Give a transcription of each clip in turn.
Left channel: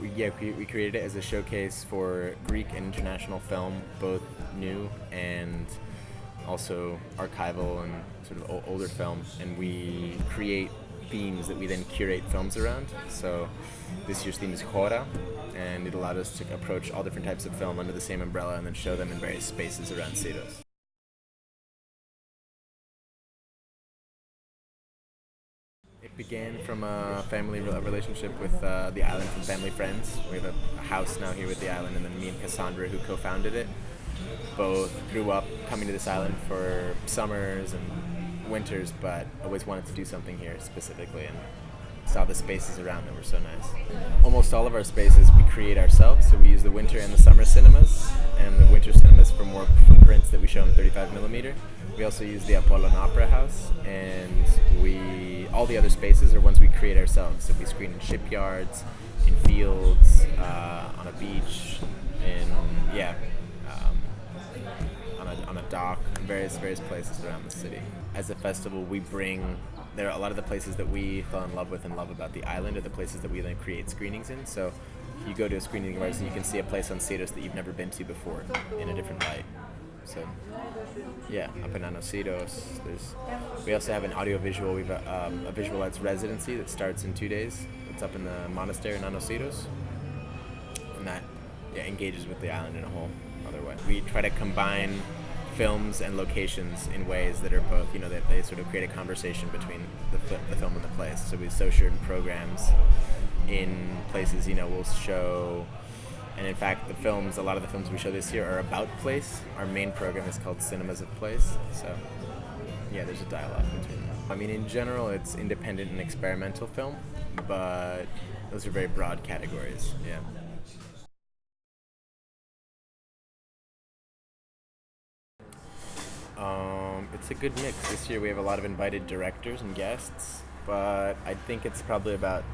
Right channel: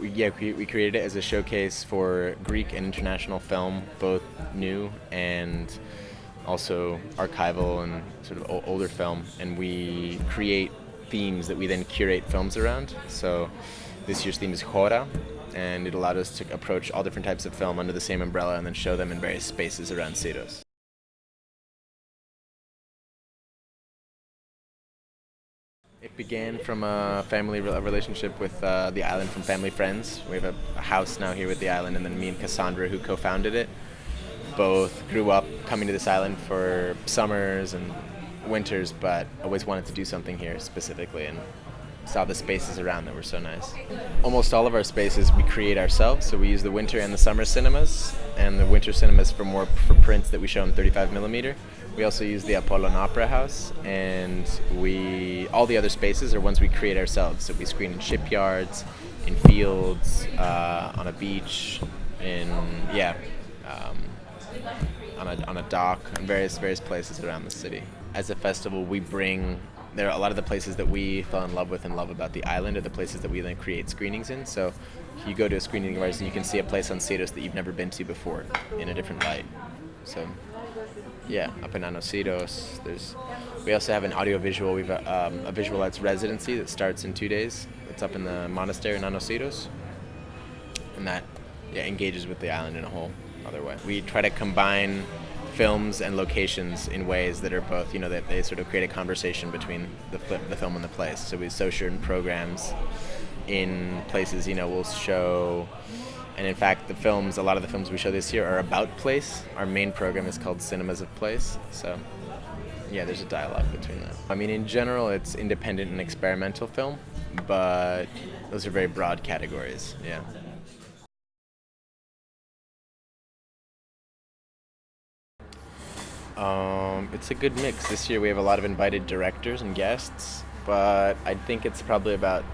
We created it as a showcase for Greek and international film, both new and also archival and sort of older film. And we create themes that we then curate films around. So this year's theme is Hora, and it allowed us to approach all different types of film under the same umbrella and then show them in various spaces around Syros. It began from a family relationship with the island from family friends. We have a house now here with the island, and then me and Cassandra, who co-founded it, both grew up coming to this island for summers and winters, but always wanted to do something here specifically, and saw the spaces around that were so nice. Almost all of our spaces we create ourselves, so we use the winter and the summer cinemas, and the winter cinemas for prints that we show in 35mm. We also use the Apollo and Opera House, and all the other spaces are ones we create ourselves. So we screen in shipyards, in fields, on a beach, on a dock, in various places around the city. As a festival, there are a lot of the places that we fell in love with and love about the island are the places that we then create screenings in. So you go to a screening of ours and you can see a place on Syros that you've never been to before in a different light. So yeah, up in Syros. We also have an audiovisual. We have a visual arts residency that starts in 2 days. It's up in the monastery in Syros, and that engages with the island in a whole other way. We try to combine films and locations in ways that are both, that they sort of create a conversation between the film and the place. So we show certain programs in places, we'll show, and in fact a lot of the films we show this year are about place. Our main program is called Cinemas of Place, so yeah, there's a dialogue between them. I mean, in general, it's independent and experimental film, but those are very broad categories, yeah. It's a good mix. This year we have a lot of invited directors and guests, but I think it's probably about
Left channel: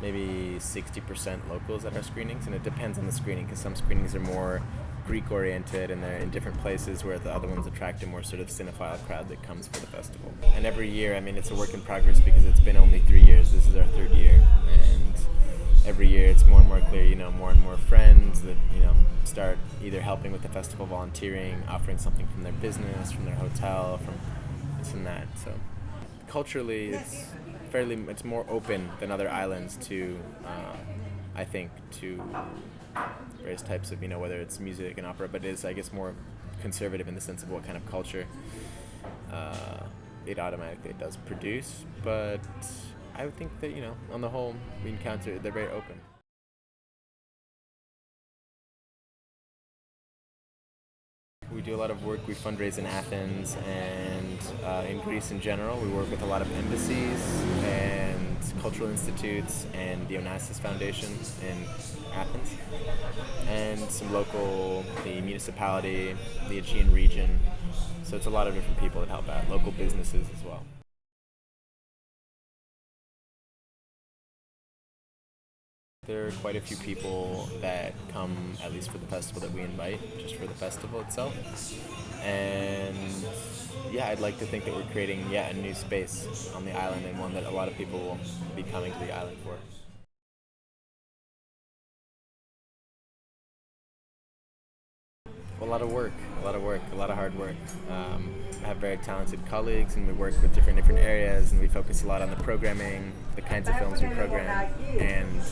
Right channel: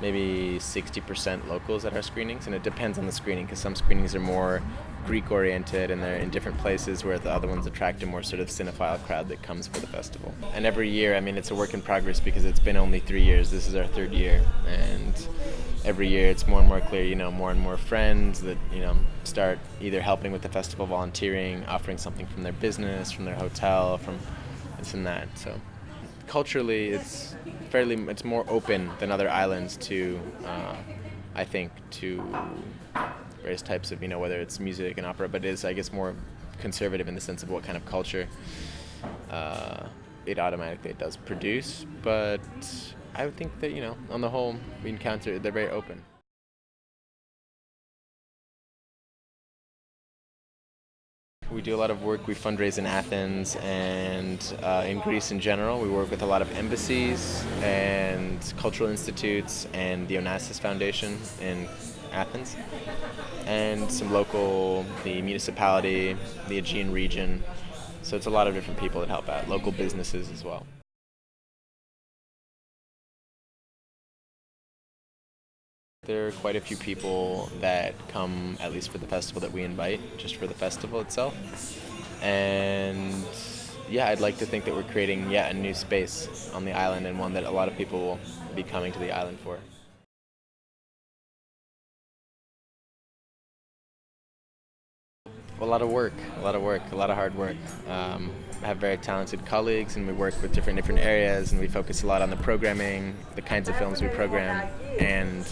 maybe 60% locals at our screenings, and it depends on the screening, because some screenings are more Greek-oriented and they're in different places, where the other ones attract a more sort of cinephile crowd that comes for the festival. And every year, I mean, it's a work in progress because it's been only 3 years. This is our 3rd year, and every year it's more and more clear, more and more friends that, start either helping with the festival, volunteering, offering something from their business, from their hotel, from this and that. So culturally, it's more open than other islands to, I think, to various types of, whether it's music and opera, but it is, I guess, more conservative in the sense of what kind of culture it automatically does produce. But I would think that, on the whole, they're very open. We do a lot of work. We fundraise in Athens and in Greece in general. We work with a lot of embassies and cultural institutes and the Onassis Foundation in Athens, and the municipality, the Aegean region. So it's a lot of different people that help out, local businesses as well. There are quite a few people that come, at least for the festival, that we invite, just for the festival itself. And yeah, I'd like to think that we're creating a new space on the island, and one that a lot of people will be coming to the island for. A lot of work, a lot of hard work. I have very talented colleagues, and we work with different areas, and we focus a lot on the programming, the kinds of films we program, and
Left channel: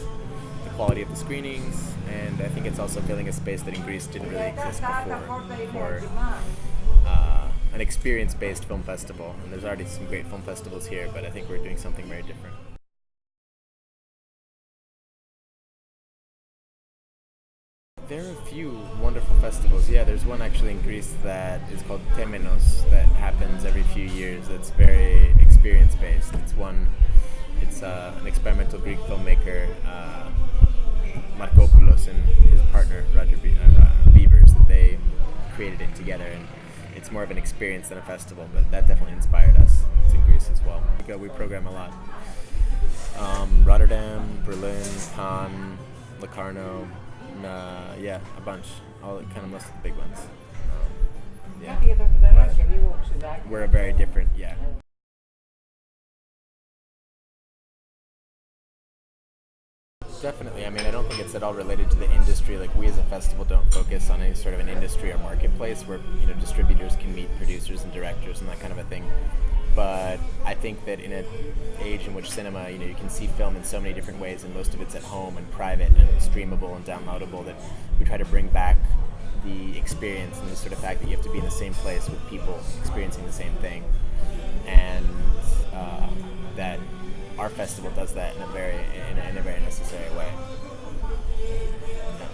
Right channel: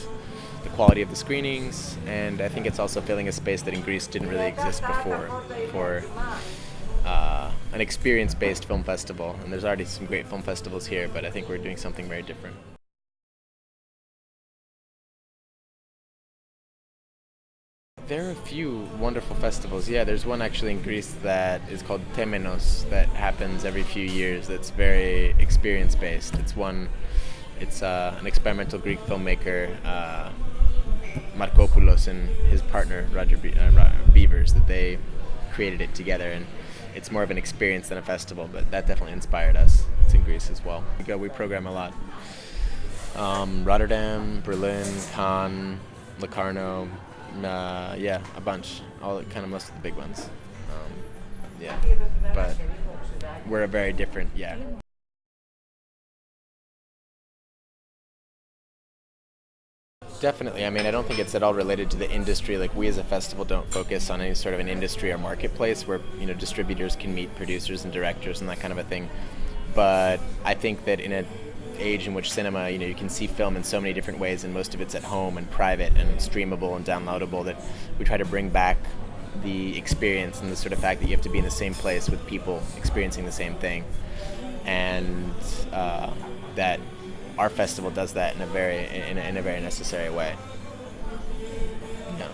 the quality of the screenings. And I think it's also filling a space that in Greece didn't really exist before for an experience-based film festival. And there's already some great film festivals here, but I think we're doing something very different. There are a few wonderful festivals. Yeah, there's one actually in Greece that is called Temenos that happens every few years. That's very experience-based. It's an experimental Greek filmmaker, Markopoulos, and his partner Roger Beavers, that they created it together, and it's more of an experience than a festival, but that definitely inspired us. It's in Greece as well. We program a lot. Rotterdam, Berlin, Cannes, Locarno, a bunch. Most of the big ones. But we're a very different, Definitely. I mean, I don't think it's at all related to the industry. Like, we as a festival don't focus on any sort of an industry or marketplace where, distributors can meet producers and directors and that kind of a thing. But I think that in an age in which cinema, you can see film in so many different ways, and most of it's at home and private and streamable and downloadable, that we try to bring back the experience and the sort of fact that you have to be in the same place with people experiencing the same thing. And that our festival does that in a very necessary way. Yeah.